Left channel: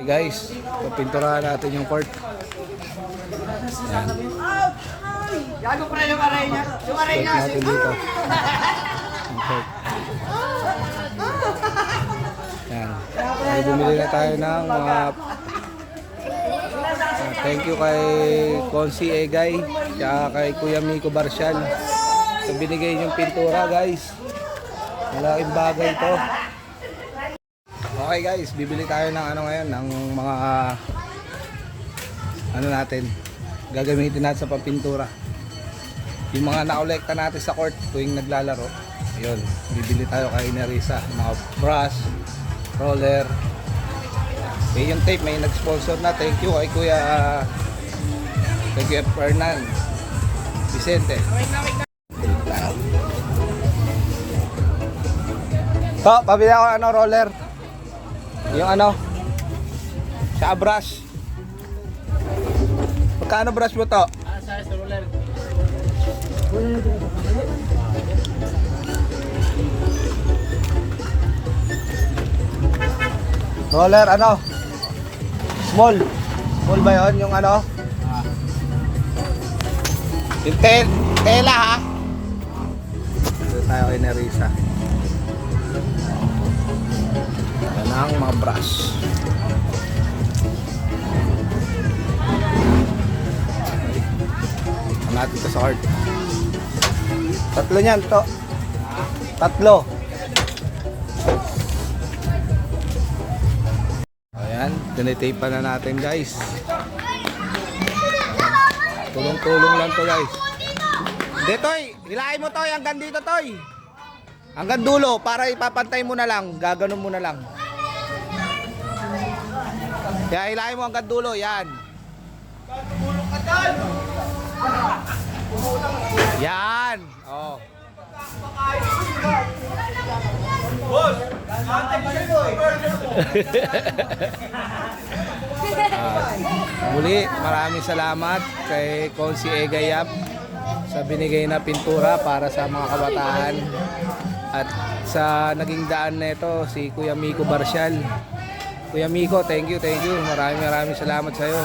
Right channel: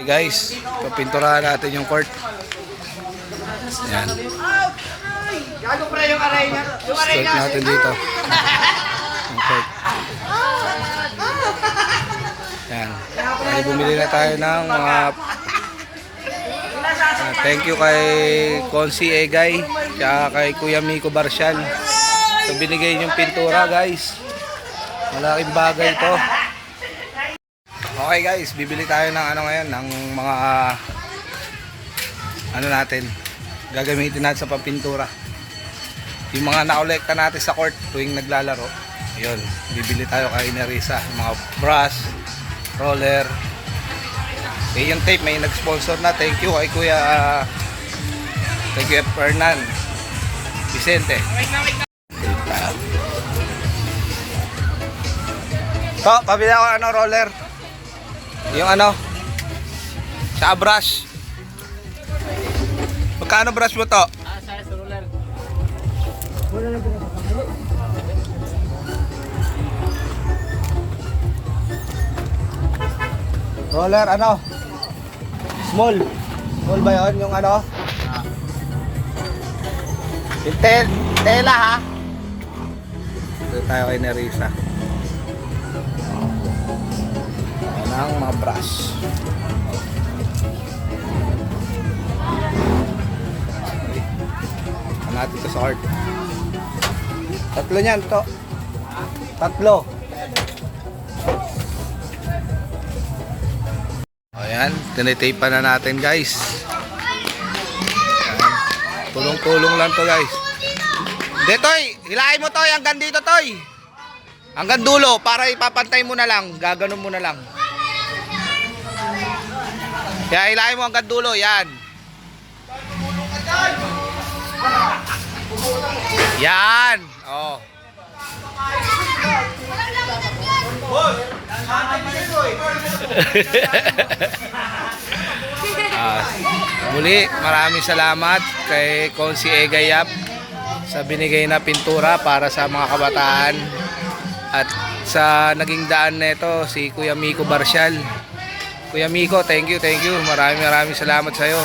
Hey guys, papinturahan natin yung court. Yan. Start natin dito. Yung court. Yan. Ay, bumili na tayo ng mga thank you kay Consi Egay kaya kay Kuya Miko Barcial sa binigay yung pintura guys. Malaking bagay ito. Okay guys, bibili tayo ng ano ngayon, ng mga ano natin, gagamitin natin sa pampintura. Yung mga nakolekta natin sa court tuwing naglalaro. Ayun, bibili tayo kay Nerissa, mga brush, roller. Okay, yung tape may nag-sponsor na. Thank you kay Kuya Fernan Vicente. To, pabili ako ano roller. Yung ano sa brush. Magkano brush mo to? Size roller. Roller ano? Small. Small ba yun? Yung ano? Yung tela ha? Dito tayo kay Nerissa. Ayan ang mga brush. Okay. Ano natin ito sa card? Tatlo niyan to. Tatlo. Ayan, tinitape pa na natin guys. Tulong-tulong lang to guys. Hindi Toy, hilahin mo Toy hanggang dito Toy. Hanggang dulo para ipapantay mo na lang. Gaganon mo na lang. Kaya hilahin mo hanggang dulo, yan. Yan. Oh. Muli, maraming salamat kay Consi Egayap sa binigay na pintura para sa mga kabataan at sa naging daan nito si Kuya Miko Barcial. Kuya Miko, thank you. Maraming salamat sa iyo.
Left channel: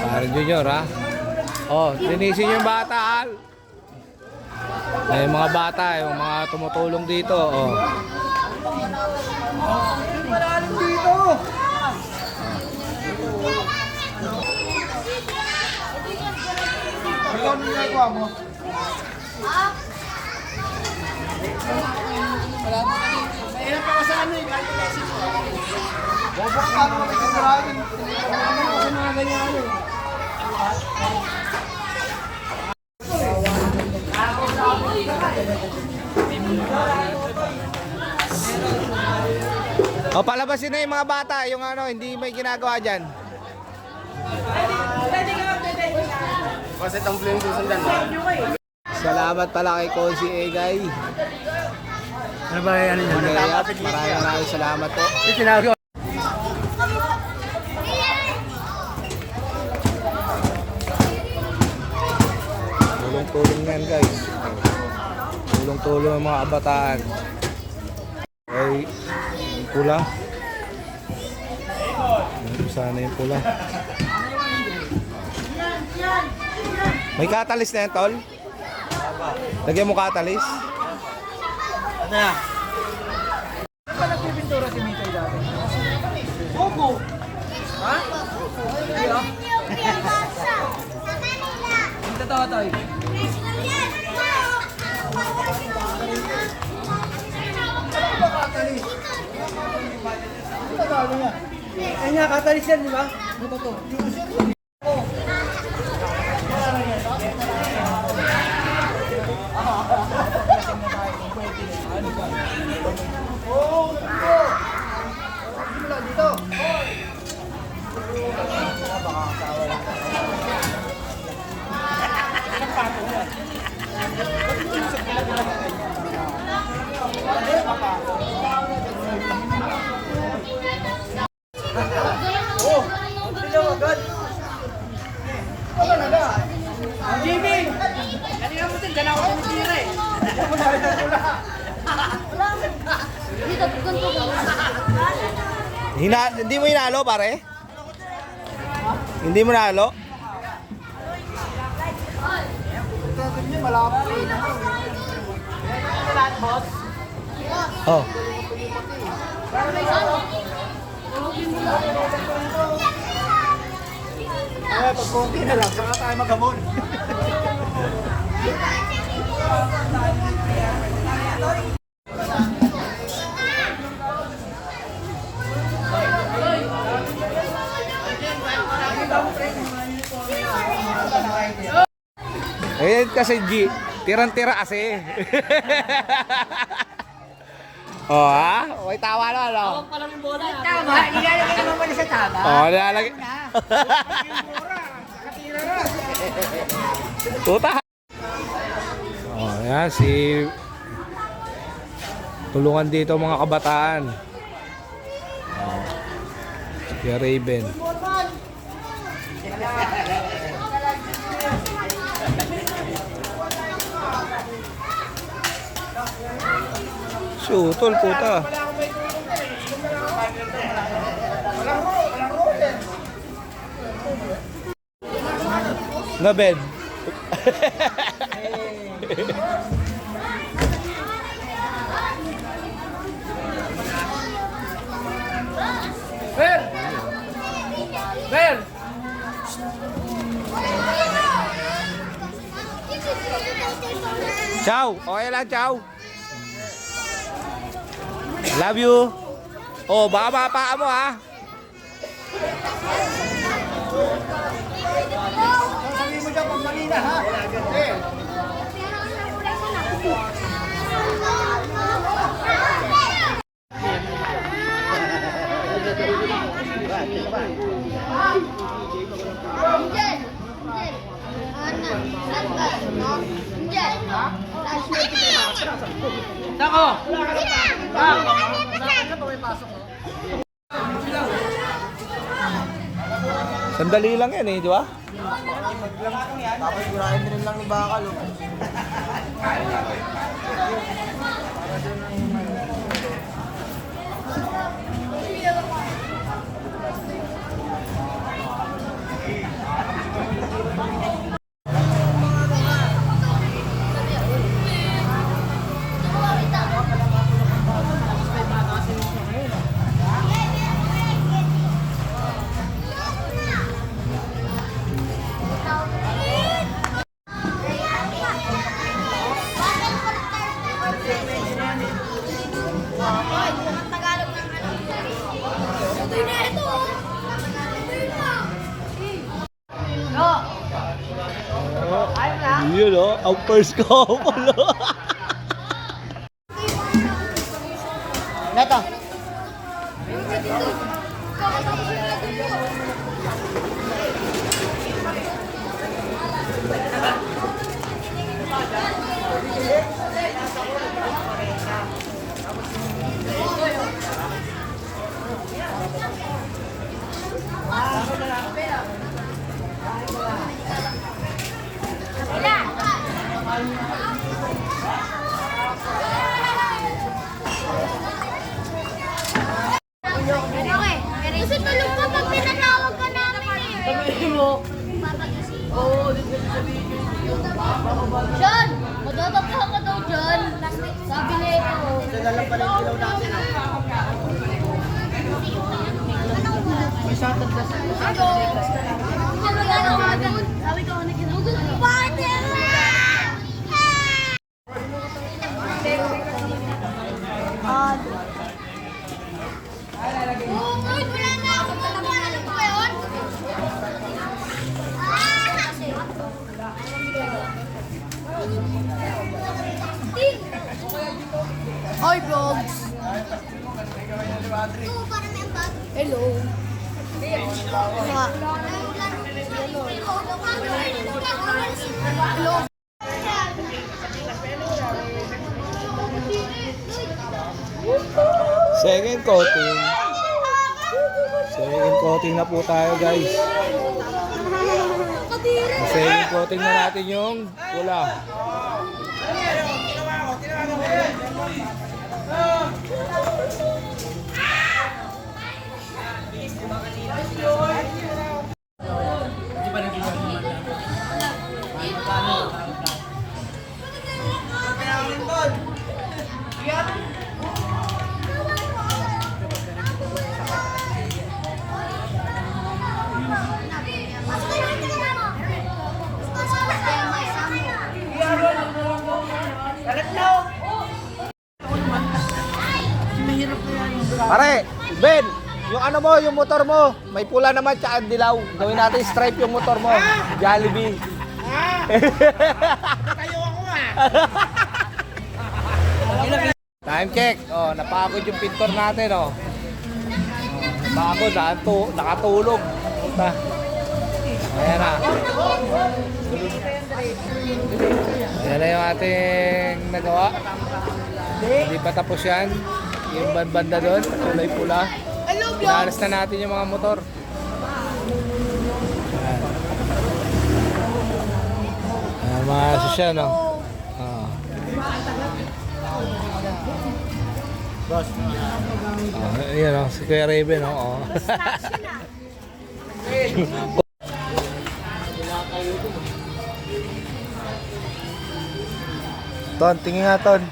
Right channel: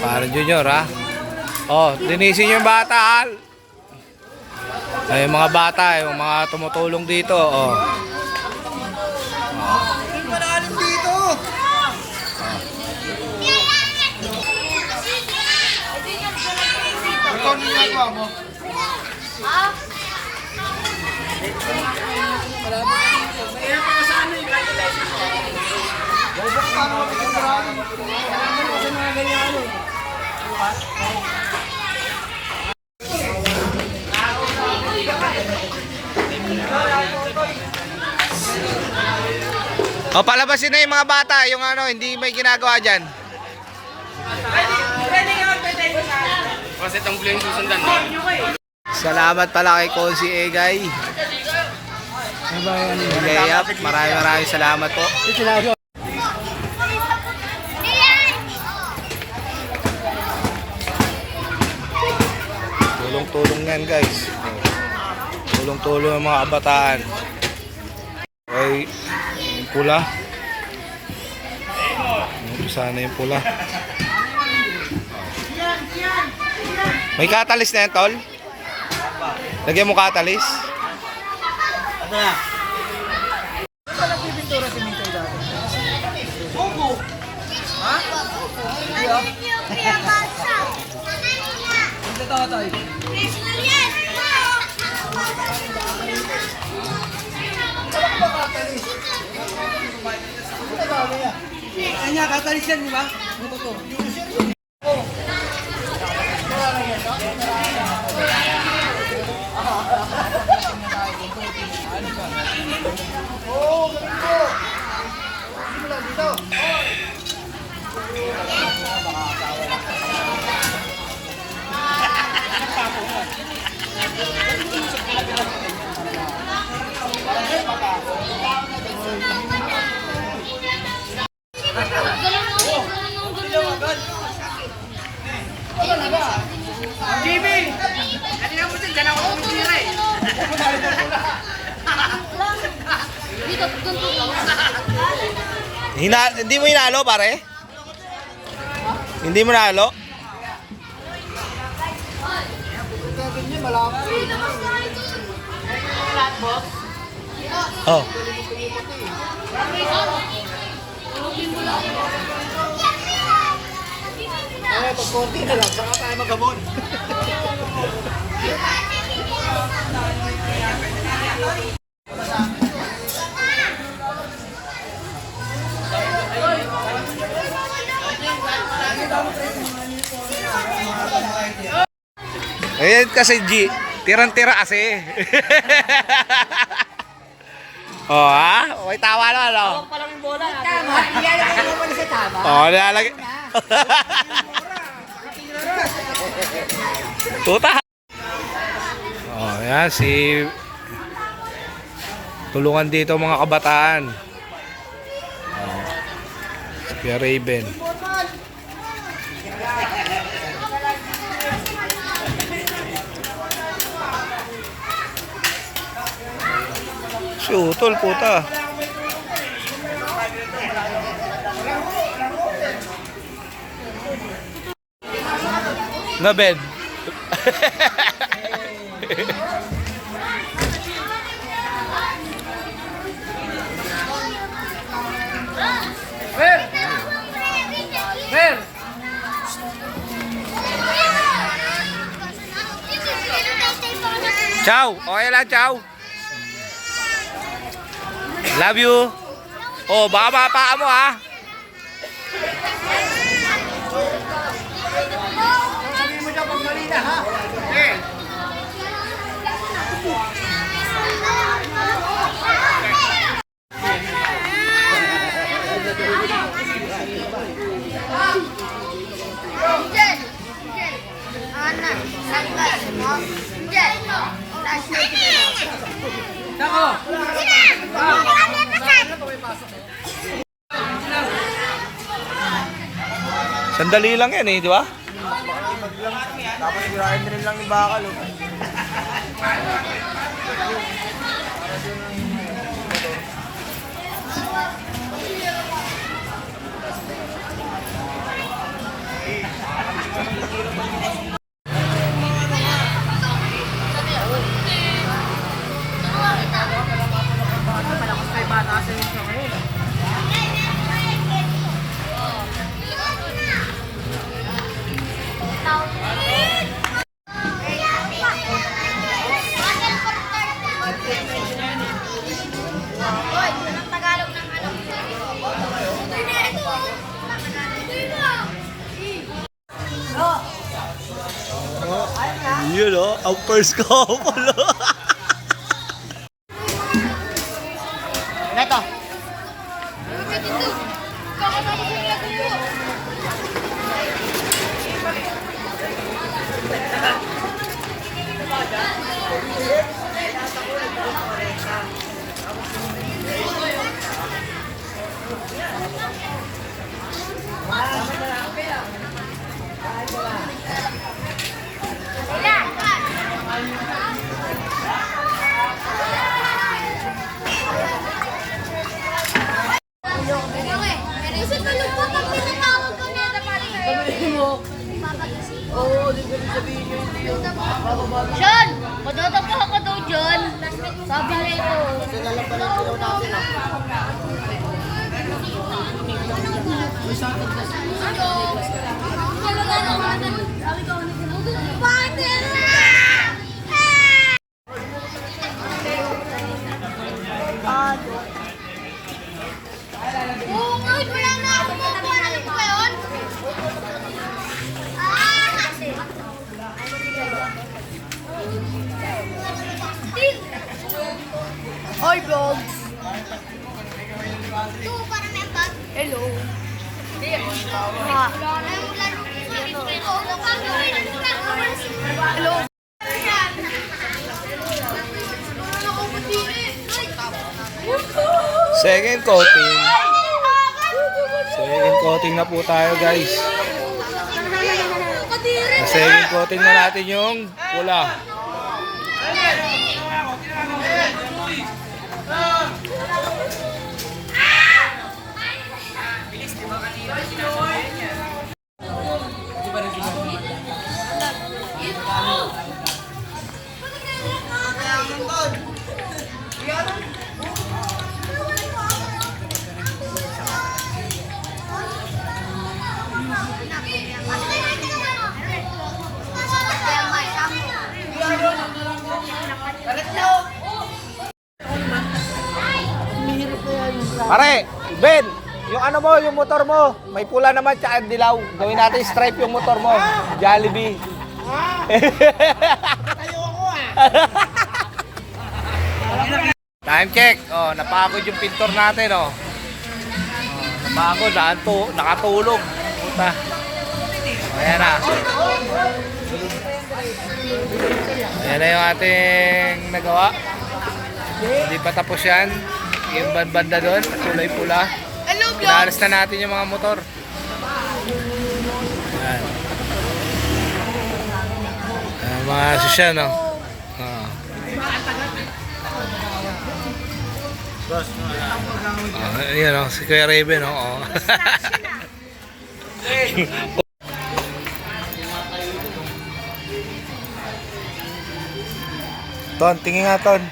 Parang Junior ha. Oh, linisin yung bata ha. Ay, mga bata, yung mga tumutulong dito, oh. Malalim dito. Ikaw ang ginagawa mo? Mayroon pa sa amin. Bobok ka mo, may kasarayan. Kasi mga ganyan eh. O, palabasin na yung mga bata, yung ano, hindi may ginagawa dyan. Kasi itong blue yung susundan. Salamat pala kay Consi Egay. Egayap, maraming salamat po. Tulong-tulong yan guys. Tulong-tulong ang mga kabataan. Okay, yung pula. Sana yung pula. May katalis na yan, tol? Lagyan mo katalis. Ano na? Opo. Ito tayo. Kanya katalis yan, di ba? Ito to. Oh, sila agad. Ano naga? Jimmy! Kanina mo dyan, dyan ako tumitira eh. Ano mo narin ang pula? Hindi mo hinalo, pare? Hindi mo nalo? Ganyan, malapit. Oh. Pag konti na lang, saka tayo magamon. Ayan kasi G, tirang-tira kasi. Oh ha? Okay, tawa na ano? Tama, ilalagay mo muna sa tama. Oh, nilalagay. Puta. Oh, yan si tulungan dito mga kabataan. Oh. Si Kuya Raven. Si Utol, puta. Na bed. Ver! Ver! Ciao, okay lang, ciao. Love you. Oh, baka mapaa mo ha. Sabi mo dyan pag mali na, ha? Nako! Sandali lang yan eh, di ba? Tapos burahin din lang ni Bakal. Malakas kay bata sa inyo ngayon. Yun o, ang first couple. Neto! John! Madadapa ka daw, John. Sabi na ito. Dala pa ng ilaw natin, ha? Sabi ko, partner na! Oh, wait, wala na ako. Ano ba yun? Hoy, vlogs! Hello! Hello! Second coating. Second coating na po tayo guys. Second coating na natin yung pula. Pare, Ben, yung ano mo, yung motor mo, may pula naman tsaka dilaw. Gawin natin stripe yung motor mo. Jollibee. Tayo ako ah. Time check. Oh, napagod yung pintor natin, oh. Napagod, nakatulog. Puta. Oh, ayan na. Ayan na yung ating nagawa. Hindi pa tapos yan. Yung banda doon, kulay pula. Pinalas na natin yung mga motor. Ayan. Mga sasya, no? Ayan, no? Si Kuya Raven, no? Oh. Ton, tingin nga, Ton.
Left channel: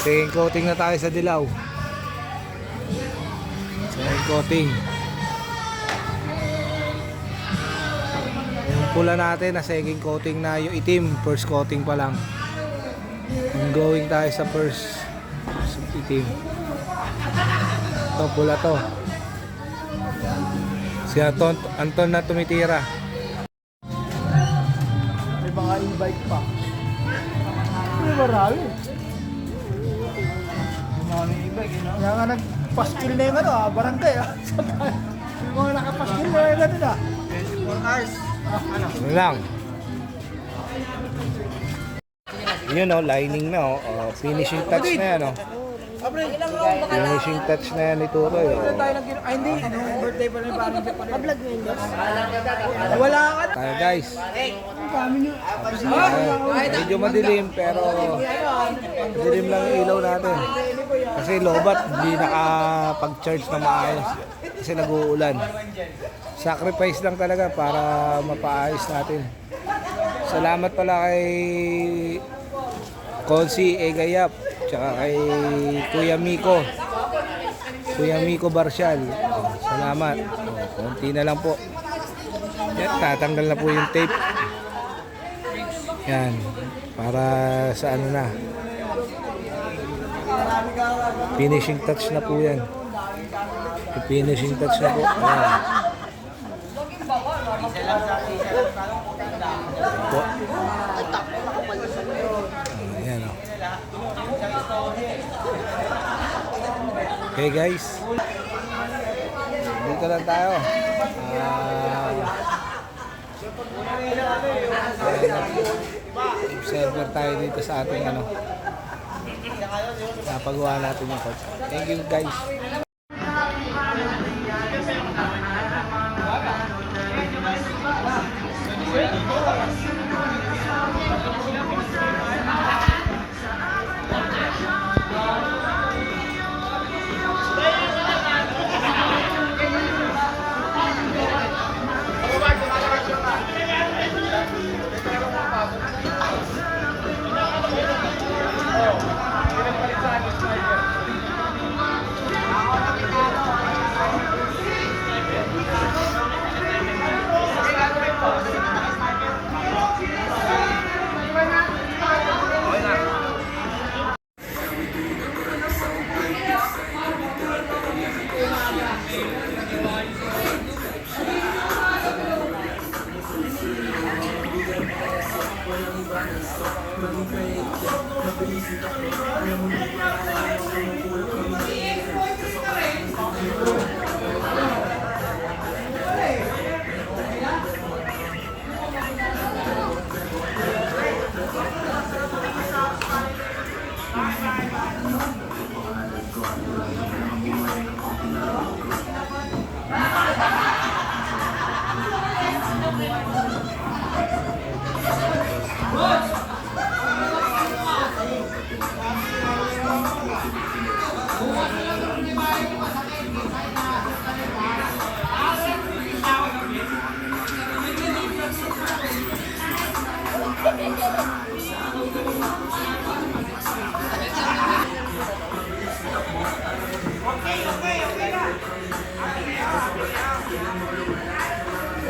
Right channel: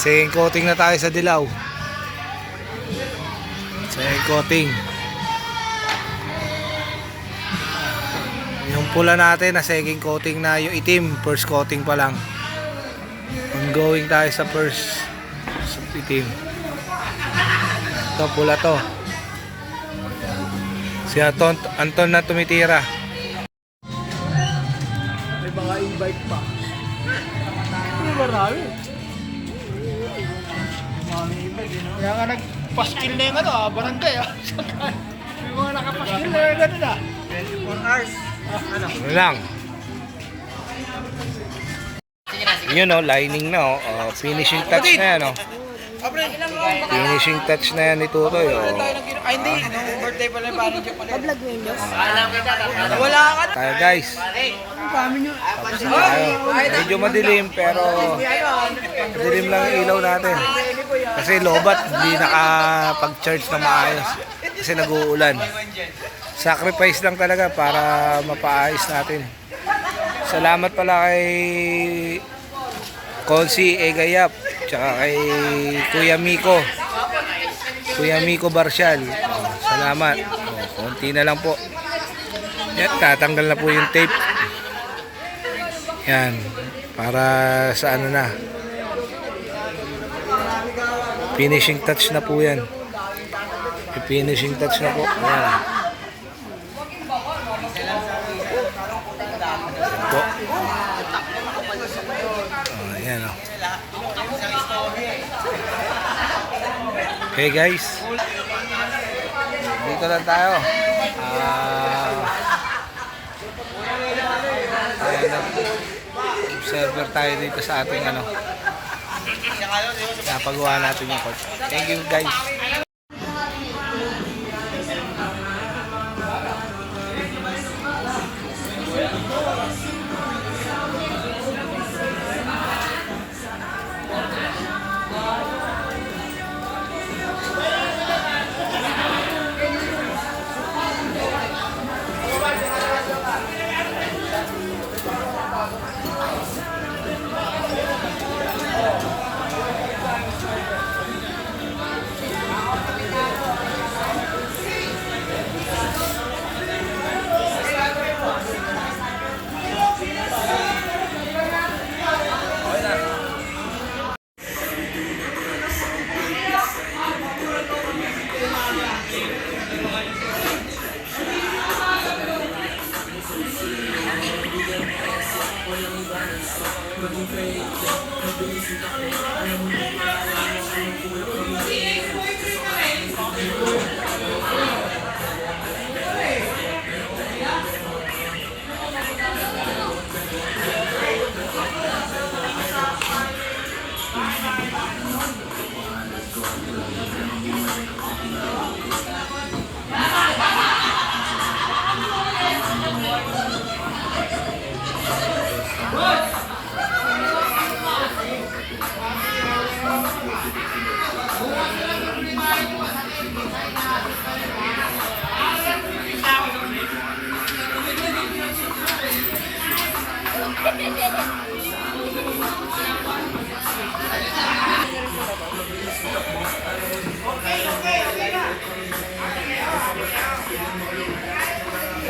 Second coating na tayo sa dilaw. Second coating. Yung pula natin na second coating na, yung itim first coating pa lang. Ongoing tayo sa first itim. Ito pula to. Si Anton na tumitira. May mga invite pa. May marami. Kaya nga nagpaskil na yung ano, barangay. Yung mga nakapaskil na yung gano'n ah. Ano lang. Yun, no, lining na, oh. Finishing touch na yan, oh. Finishing touch na yan ni Tutoy, oh. Ay hindi, yung birthday pala yung parang joke pala. Wala ka na. Tayo, guys. Kami nyo. Tayo. Medyo madilim, pero madilim lang yung ilaw natin. Kasi lobat, hindi nakapag-charge na maayos. Kasi nag-uulan. Sacrifice lang talaga para mapaayos natin. Salamat pala kay Konsi Egayap, tsaka kay Kuya Miko. Kuya Miko Barcial. Salamat. Konti na lang po. Yan, tatanggal na po yung tape. Yan. Para sa ano na. Finishing touch na po yan. Finishing touch na po. Ayan. Po. Oh, ayan, oh. Okay guys, dito lang tayo. Observer tayo dito sa ating ano, napagawa natin yung coach. Thank you guys.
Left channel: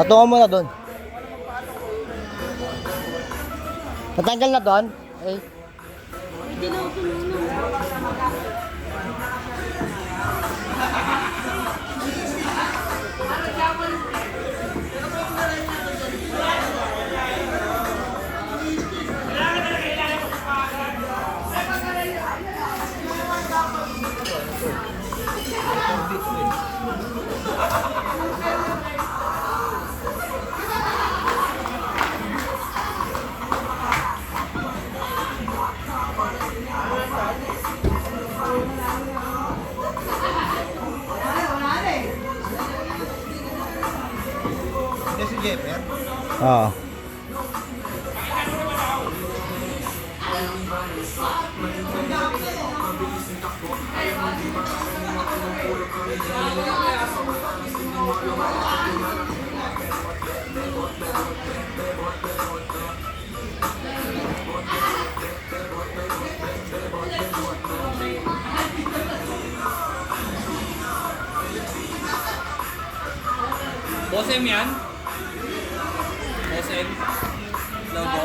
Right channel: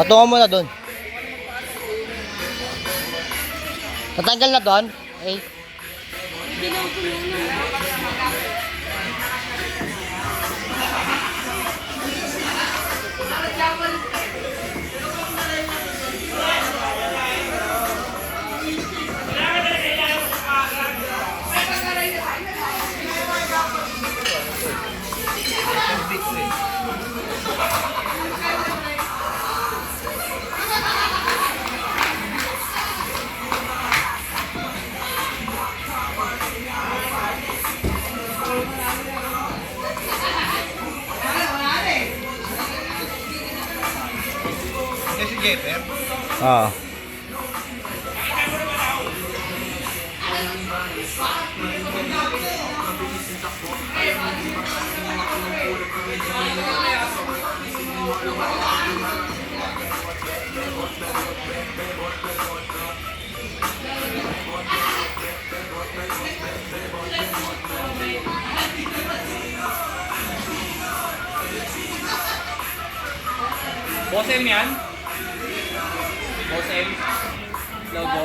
Patungo mo na doon. Tatanggal na doon. Okay. Kasi Jeffer. Oo. Bosem yan? Bosem? Logo?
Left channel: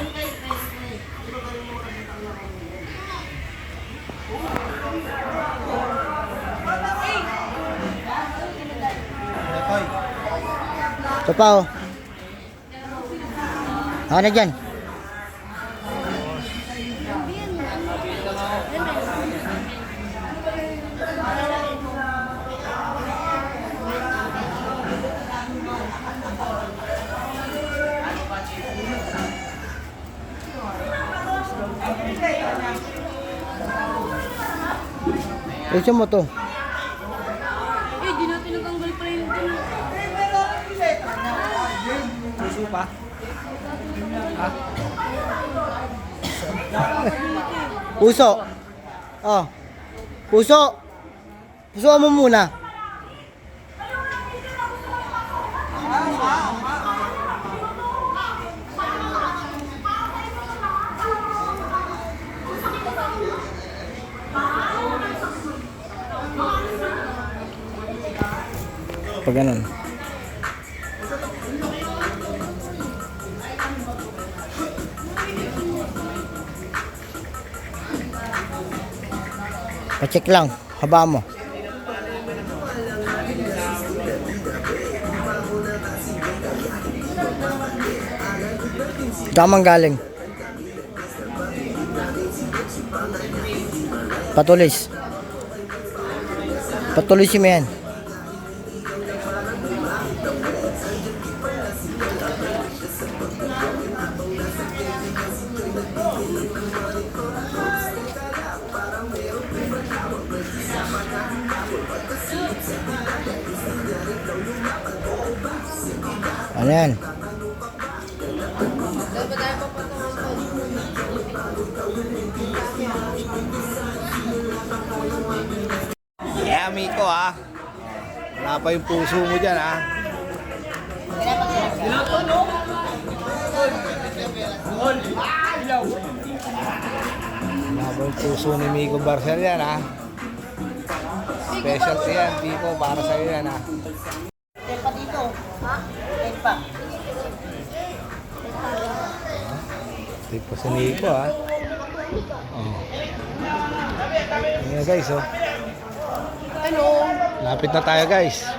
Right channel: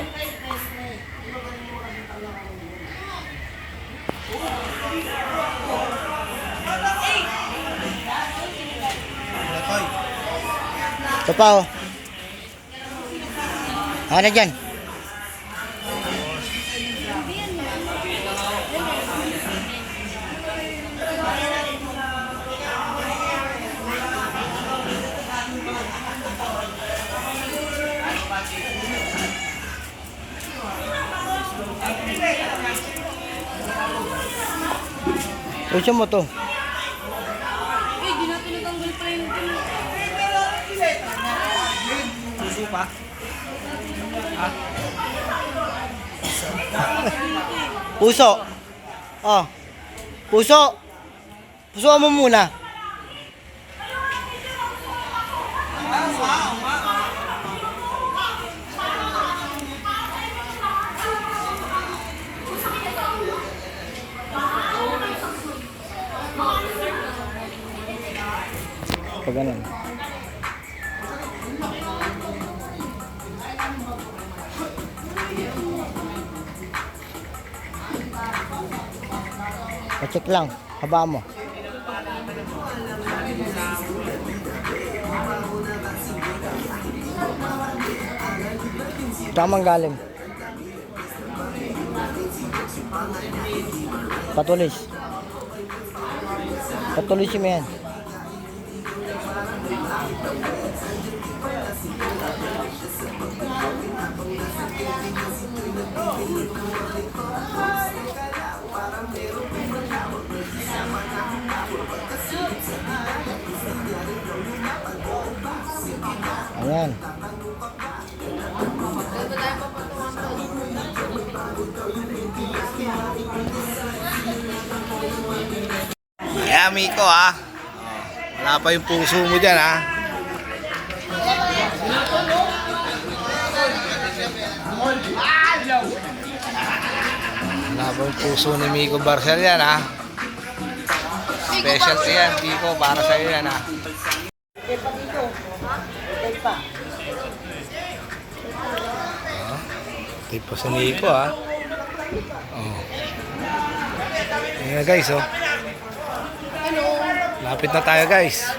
Ito pa oh. Ano dyan? Ito mo to. Puso. Oh. Puso. Puso mo muna. Pag ganun. Pa-check lang, haba mo. Tamang galing. Patulis. Patulis mo yan. Ayan. Yeah, Miko ah. Wala pa yung puso mo dyan ah. Wala pa yung puso ni Miko Barcel yan ah. Specialty yan, Miko, para sa'yo yan ah. Tipo sa Nico ah. Oh. Ayan na guys oh. Lapit na tayo guys.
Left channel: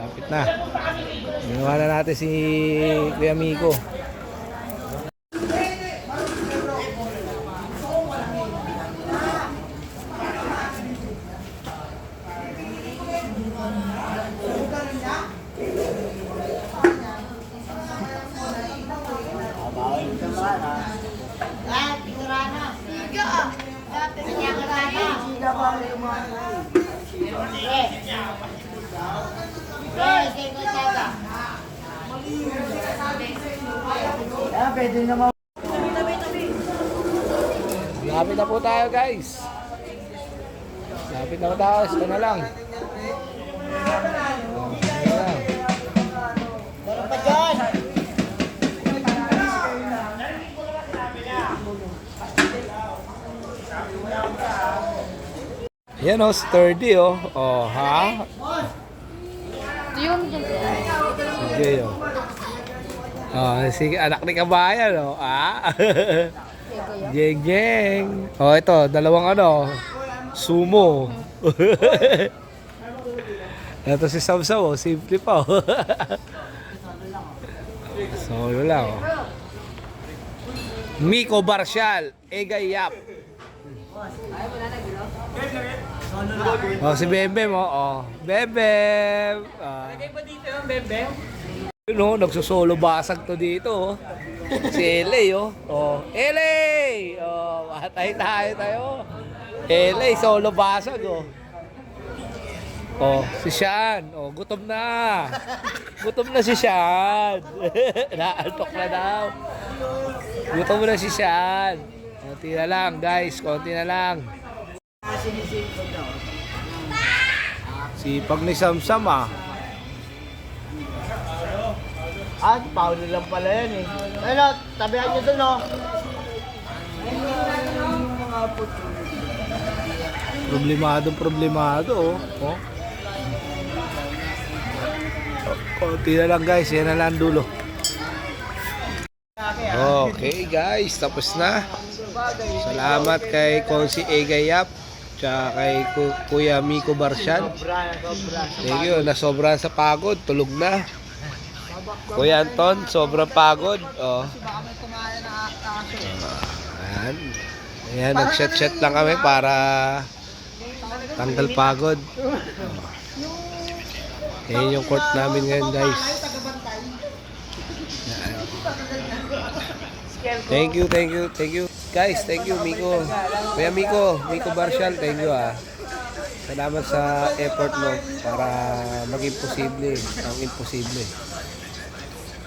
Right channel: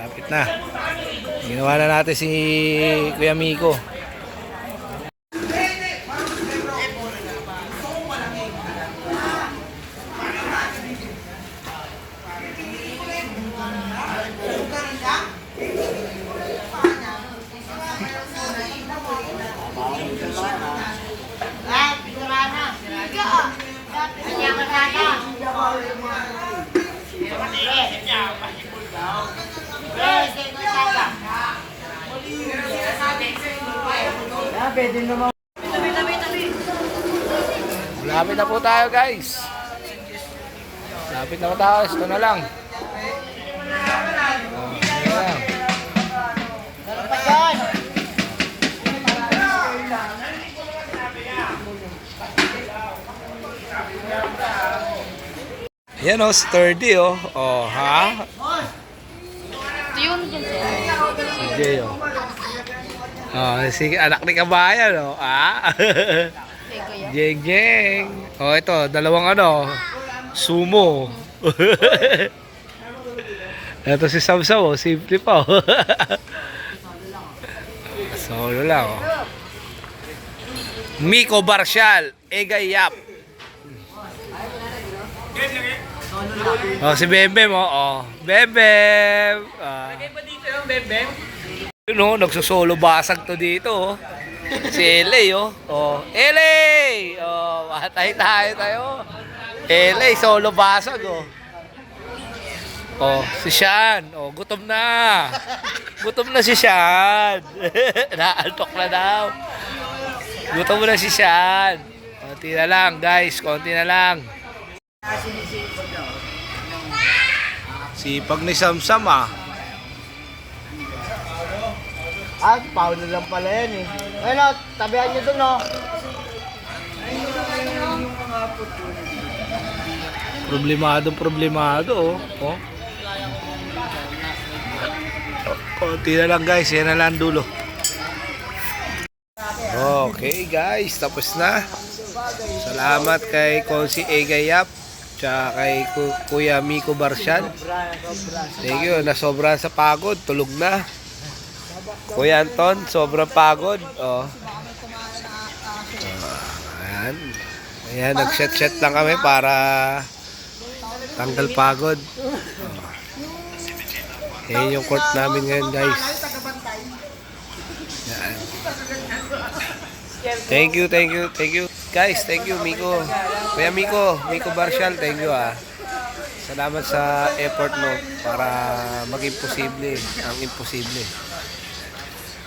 Lapit na. Ginawa na natin si Kuya Miko. Lapit na po tayo guys. Lapit na po tayo. Ito na lang. Ito na lang. Yan oh, sturdy oh. Oh, ha? Yun dun sir. Si Jay oh. Oh, si anak ni kabayan oh. Ah. Kaya Jeng jeng. Oh, ito, dalawang ano, sumo. Ito si Samsam, oh, simple pa. Oh. Solo lang. Oh. Miko Barcial, Egay Yap. Oh, si Bembem, oh. Bembem. No, nagsusolo basag to dito, oh. Si LA, oh. Oh, LA! Oh, matay tayo. LA, solo basag, oh. Oh, si Sean. Oh, gutom na. Gutom na si Sean. Naaltok na daw. Gutom na si Sean. Konti na lang, guys. Konti na lang. Sipag ni Samsam, ah. Paulo lang pala yan eh. Ayun o, tabihan nyo dun o. Problemado, oh. Oh. Konti na lang, guys. Yan na lang dulo. Okay, guys. Tapos na. Salamat kay Konsi Egayap. Tsaka kay Kuya Miko Barcial. Thank you. Nasobra sa pagod. Tulog na. Kuya Anton, sobrang pagod. Oh. Ayan. Ayan, nag-shot lang kami para tanggal pagod. Oh. Ayan yung court namin ngayon, guys. Ayan. Thank you. Guys, thank you, Miko. Kuya Miko Barcial, thank you, ah. Salamat sa effort mo para maging posible ang imposible.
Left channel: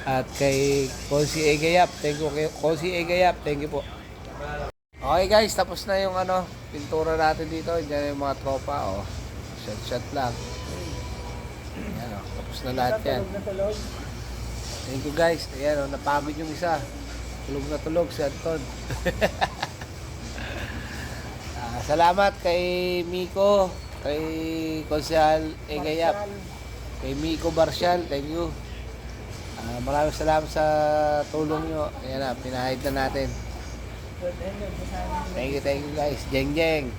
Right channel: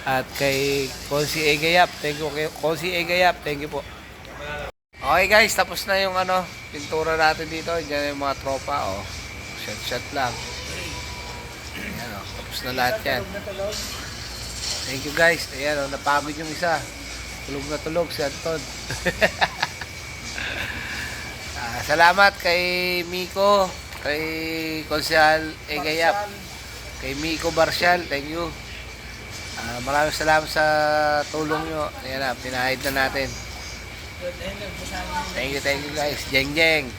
At kay Konsi Egayap, thank you kay Konsi Egayap, thank you po. Okay, guys, tapos na yung ano, pintura natin dito. Diyan yung mga tropa, oh. Shot lang. Ayan, oh, tapos na lahat yan. Thank you, guys. Ayan, oh, napagod yung isa. Tulog na tulog si Anton. Salamat kay Miko, kay Konsehal Egayap, kay Miko Barcial, thank you. Maraming salamat sa tulong nyo. Ayan na, pinahid na natin. Thank you guys. Jeng jeng.